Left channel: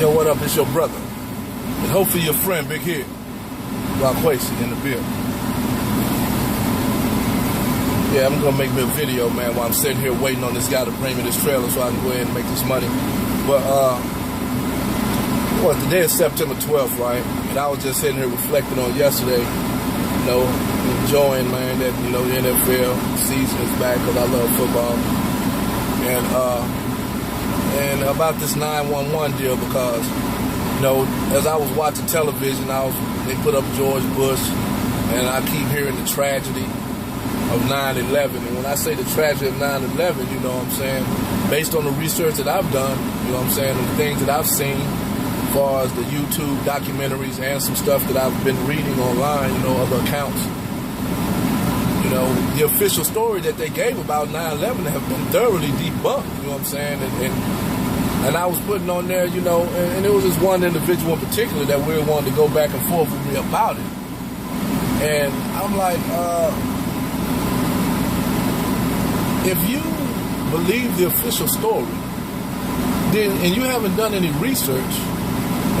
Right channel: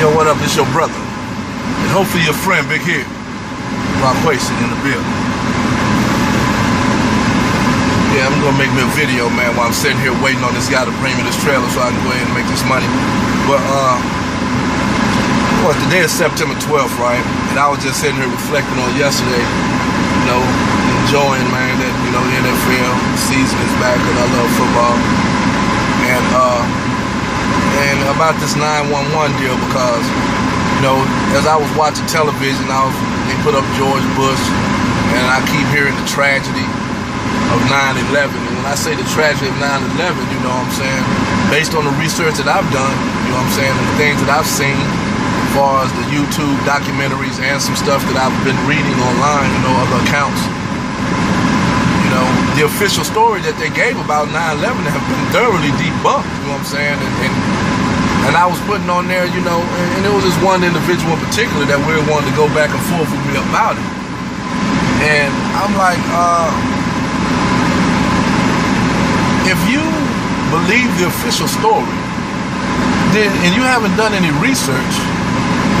Yo, what up? It's your brother. And hopefully your friend, Big Head. Rock Wasted in the building. Yeah, I'm gonna make me a video, man, while I'm sitting here waiting on this guy to bring me this trailer so I can go ahead and make this money. But, today is September 12th, right? And I was just sitting here reflecting on yesterday, you know, enjoying, man, that, you know, the NFL season is back because I love football. And about this 911 deal because, you know, as I was watching television, they put up George Bush, and I keep hearing the tragedy of 9/11. And when I say the tragedy of 9/11, you know what I'm saying, based on the research that I've done, you know what I'm saying, and the things that I've seen, as far as the YouTube documentaries and some stuff that I've been reading online, you know, other accounts, you know, the official story that they gave about 9/11 have been thoroughly debunked, you know what I'm saying, and I was putting on there, you know, and it was this one individual in particular that really wanted to go back and forth with me about it. And I'm like, if you believe the official story, then, and you haven't done any research,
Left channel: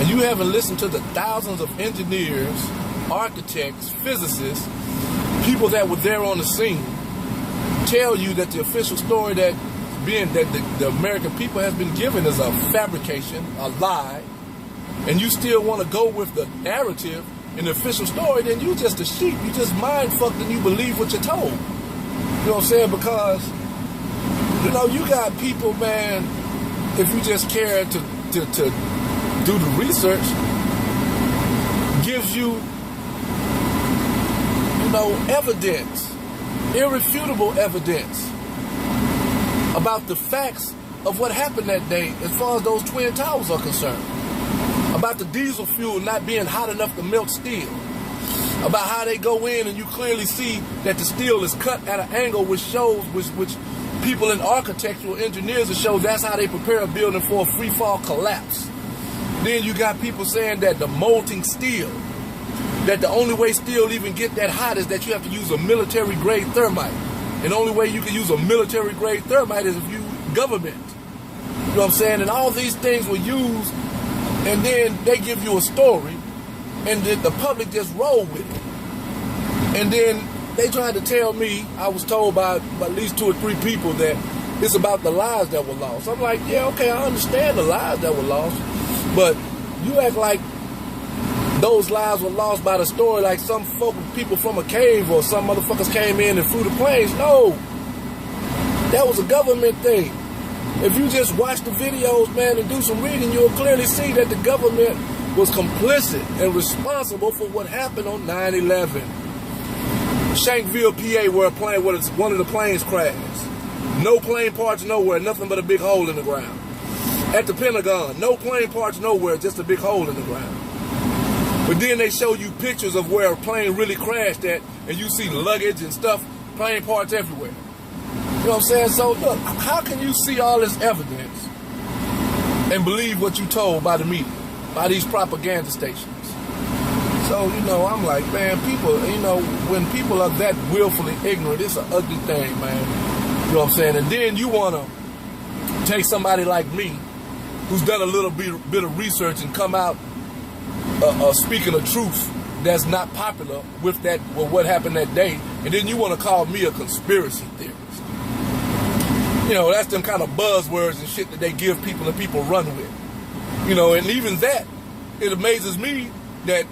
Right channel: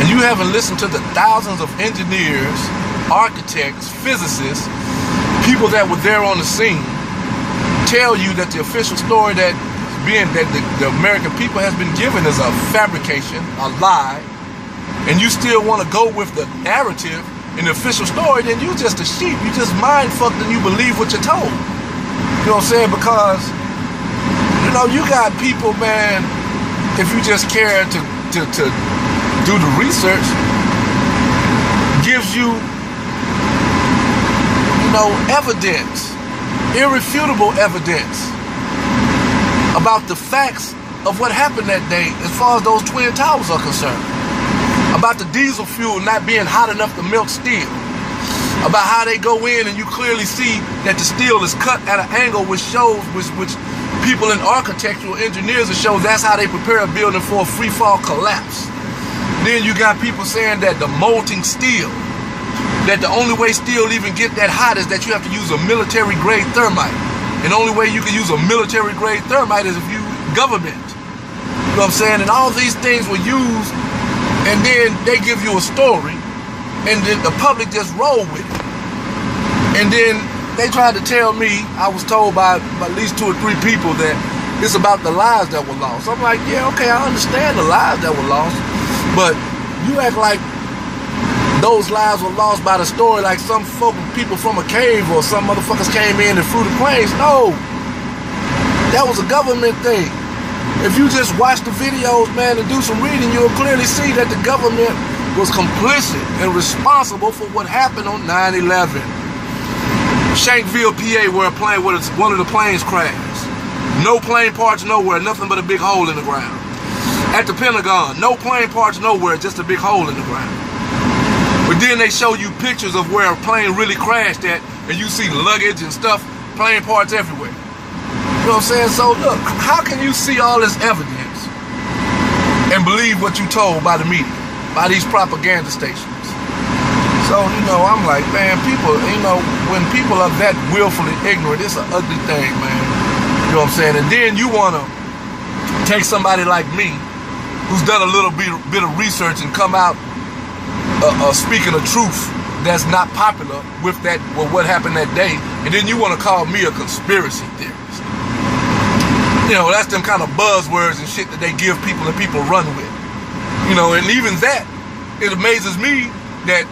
and you haven't listened to the thousands of engineers, architects, physicists, people that were there on the scene, tell you that the official story that the American people has been given is a fabrication, a lie, and you still want to go with the narrative in the official story, then you just a sheep. You just mind fucked and you believe what you're told. You know what I'm saying? Because, you know, you got people, man, if you just care to do the research, gives you, you know, evidence, irrefutable evidence about the facts of what happened that day as far as those Twin Towers are concerned. About the diesel fuel not being hot enough to melt steel. About how they go in and you clearly see that the steel is cut at an angle which shows, which people in architectural engineers it shows that's how they prepare a building for a free fall collapse. Then you got people saying that the molting steel, that the only way steel even get that hot is that you have to use a military grade thermite. And the only way you can use a military grade thermite is if you government. You know what I'm saying? And all these things were used, and then they give you a story, and then the public just roll with it. And then they tried to tell me, I was told by at least 2 or 3 people that it's about the lives that were lost. I'm like, yeah, okay, I understand the lives that were lost, but you act like those lives were lost by the story like some people from a cave or some motherfuckers came in and flew the planes. No, that was a government thing. If you just watch the videos, man, and do some reading, you'll clearly see that the government was complicit and responsible for what happened on 9/11. Shankville, PA, where one of the planes crashed. No plane parts nowhere, nothing but a big hole in the ground. At the Pentagon, no plane parts nowhere, just a big hole in the ground. But then they show you pictures of where a plane really crashed at, and you see luggage and stuff, plane parts everywhere. You know what I'm saying? So look, how can you see all this evidence and believe what you told by the media, by these propaganda stations? So, you know, I'm like, man, people, you know, when people are that willfully ignorant, it's an ugly thing, man. You know what I'm saying? And then you want to take somebody like me, who's done a little bit of research and come out speaking of truth that's not popular with what happened that day, and then you want to call me a conspiracy theorist. You know, that's them kind of buzzwords and shit that they give people and people run with. You know, and even that, it amazes me that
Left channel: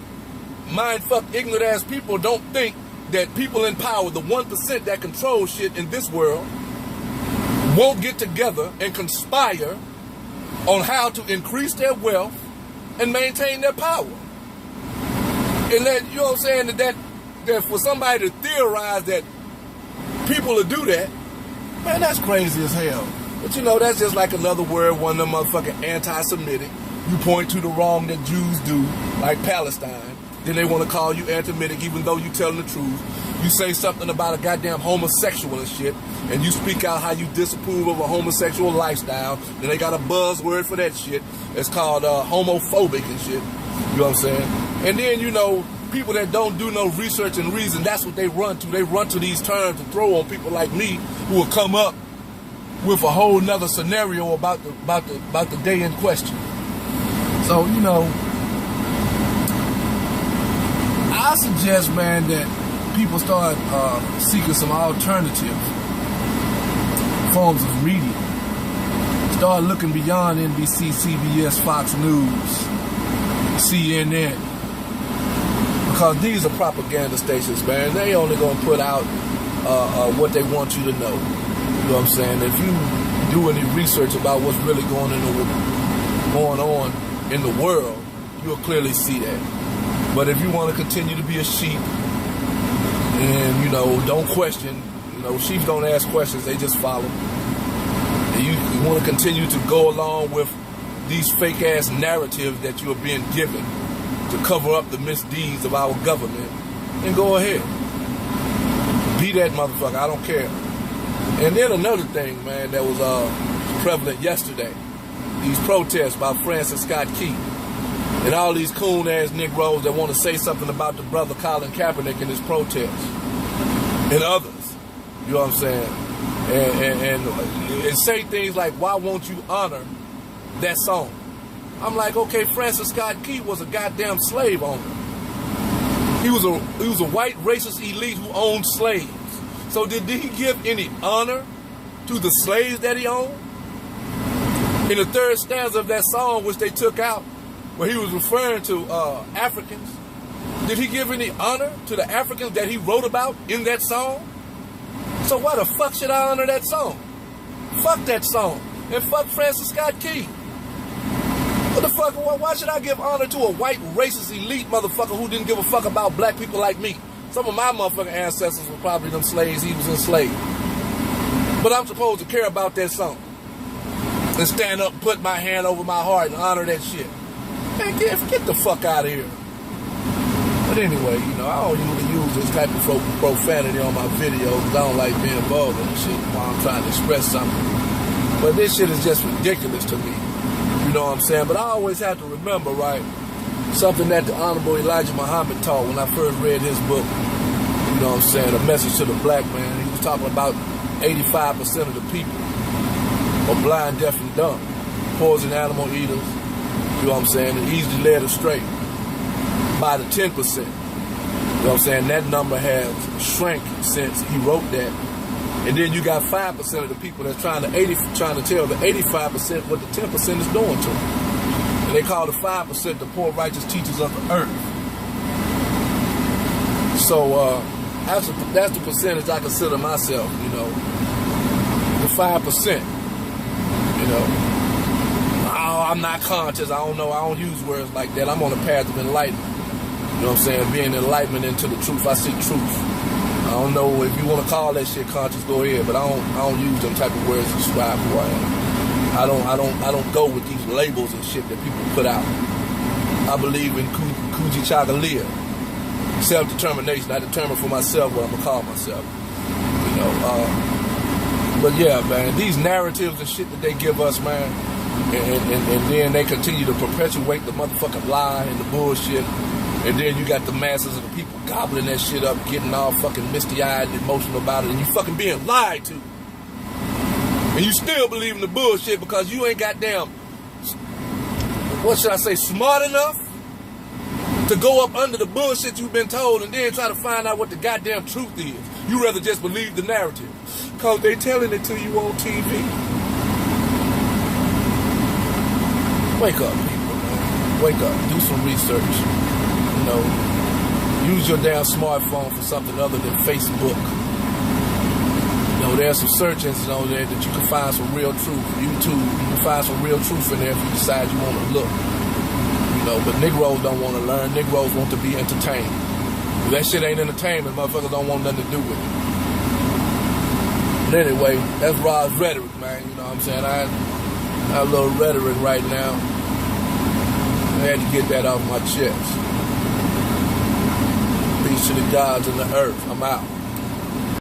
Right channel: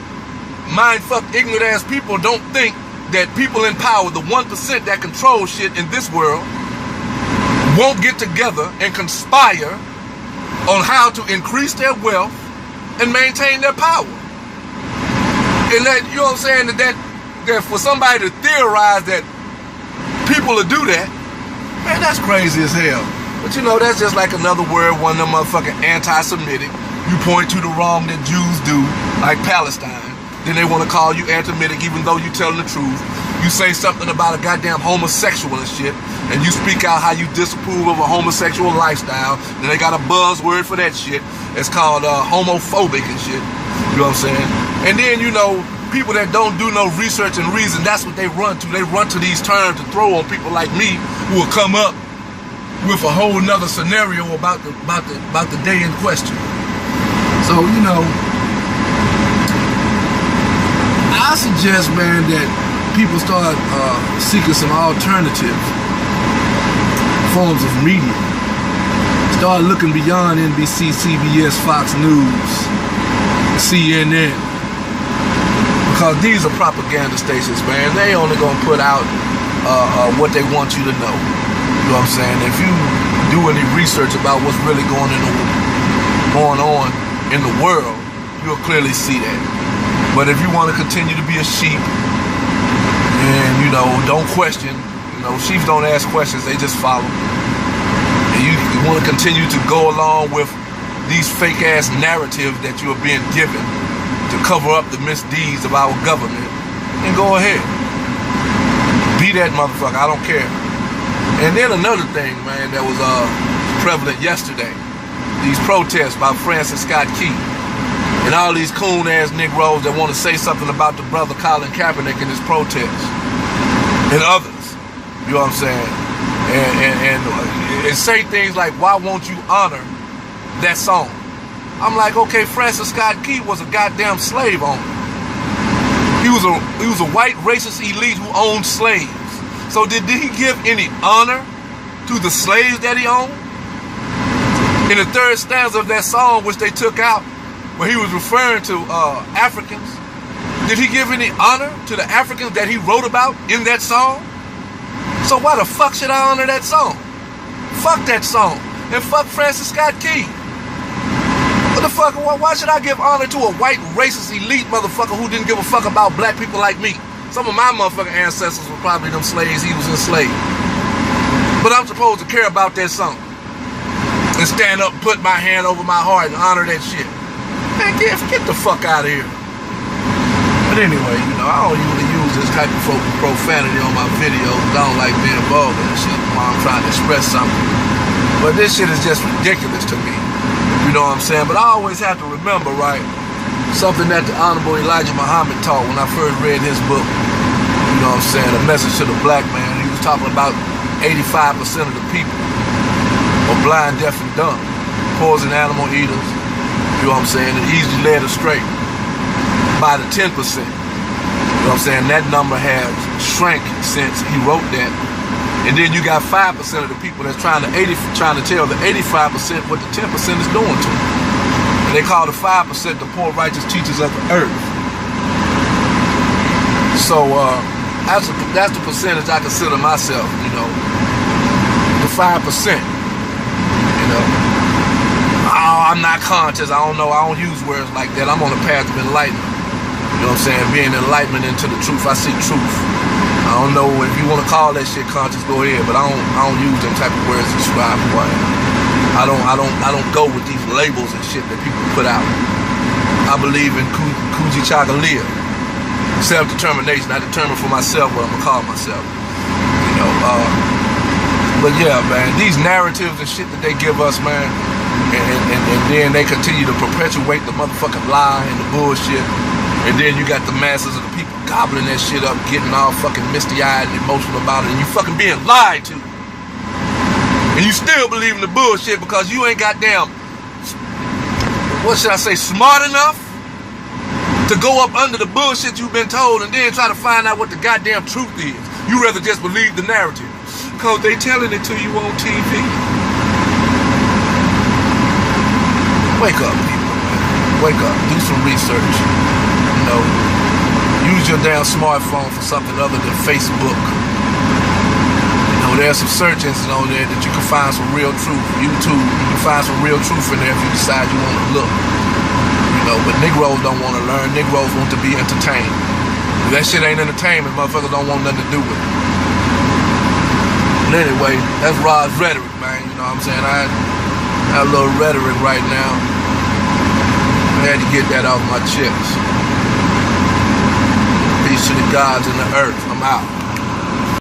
mind-fuck ignorant ass people don't think that people in power, the 1% that control shit in this world, won't get together and conspire on how to increase their wealth and maintain their power. And that, you know what I'm saying, that for somebody to theorize that people will do that, man, that's crazy as hell. But you know, that's just like another word, one of them motherfucking anti-Semitic. You point to the wrong that Jews do, like Palestine. Then they want to call you anti-Semitic even though you telling the truth. You say something about a goddamn homosexual and shit, and you speak out how you disapprove of a homosexual lifestyle, then they got a buzzword for that shit. It's called homophobic and shit. You know what I'm saying? And then, you know, people that don't do no research and reason, that's what they run to. They run to these terms to throw on people like me who will come up with a whole nother scenario about the day in question. So, you know, I suggest, man, that people start seeking some alternative forms of media. Start looking beyond NBC, CBS, Fox News, CNN. Because these are propaganda stations, man. They only gonna put out what they want you to know. You know what I'm saying? If you do any research about what's really going on in the world, you'll clearly see that. But if you want to continue to be a sheep and, you know, don't question, you know, sheep don't ask questions, they just follow. And you want to continue to go along with these fake ass narratives that you are being given to cover up the misdeeds of our government, and go ahead. Be that motherfucker, I don't care. And then another thing, man, that was prevalent yesterday. These protests by Francis Scott Key. And all these coon-ass Negroes that want to say something about the brother Colin Kaepernick in his protest. And others. You know what I'm saying? And say things like, why won't you honor that song? I'm like, okay, Francis Scott Key was a goddamn slave owner. He was a white racist elite who owned slaves. So did he give any honor to the slaves that he owned? In the third stanza of that song, which they took out, where he was referring to Africans, did he give any honor to the Africans that he wrote about in that song? So why the fuck should I honor that song? Fuck that song. And fuck Francis Scott Key. What the fuck? Why should I give honor to a white racist elite motherfucker who didn't give a fuck about black people like me? Some of my motherfucking ancestors were probably them slaves he was enslaved. But I'm supposed to care about that song and stand up and put my hand over my heart and honor that shit. Man, get the fuck out of here. But anyway, you know, I don't usually use this type of profanity on my videos. I don't like being vulgar and shit while I'm trying to express something. But this shit is just ridiculous to me. You know what I'm saying? But I always have to remember, right, something that the Honorable Elijah Muhammad taught when I first read his book. You know what I'm saying? A Message to the Black Man. He was talking about 85% of the people are blind, deaf, and dumb. Poison animal eaters. You know what I'm saying? And easily led astray by the 10%. You know what I'm saying? That number has shrank since he wrote that. And then you got 5% of the people that's trying to tell the 85% what the 10% is doing to them. And they call the 5% the poor righteous teachers of the earth. So that's the percentage I consider myself, you know, the 5%. You know, I'm not conscious. I don't know. I don't use words like that. I'm on a path of enlightenment. You know what I'm saying? Being enlightenment into the truth. I seek truth. I don't know if you want to call that shit conscious, go ahead, but I don't use them type of words to describe who I am. I don't go with these labels and shit that people put out. I believe in Kuji Chagalia, self-determination. I determine for myself what I'm gonna call myself. You know, but yeah, man, these narratives and shit that they give us, man, and then they continue to perpetuate the motherfucking lie and the bullshit. And then you got the masses of the people gobbling that shit up, getting all fucking misty-eyed and emotional about it, and you fucking being lied to. And you still believe in the bullshit because you ain't goddamn, what should I say, smart enough to go up under the bullshit you've been told and then try to find out what the goddamn truth is. You rather just believe the narrative because they telling it to you on TV. Wake up, people, man. Wake up. Do some research. You know, use your damn smartphone for something other than Facebook. You know, there's some search engines on there that you can find some real truth. YouTube, you can find some real truth in there if you decide you want to look. You know, but Negroes don't want to learn. Negroes want to be entertained. If that shit ain't entertainment, motherfuckers don't want nothing to do with it. But anyway, that's Rod's rhetoric, man. You know what I'm saying? I have a little rhetoric right now. I had to get that off my chest. Peace to the gods and the earth. I'm out.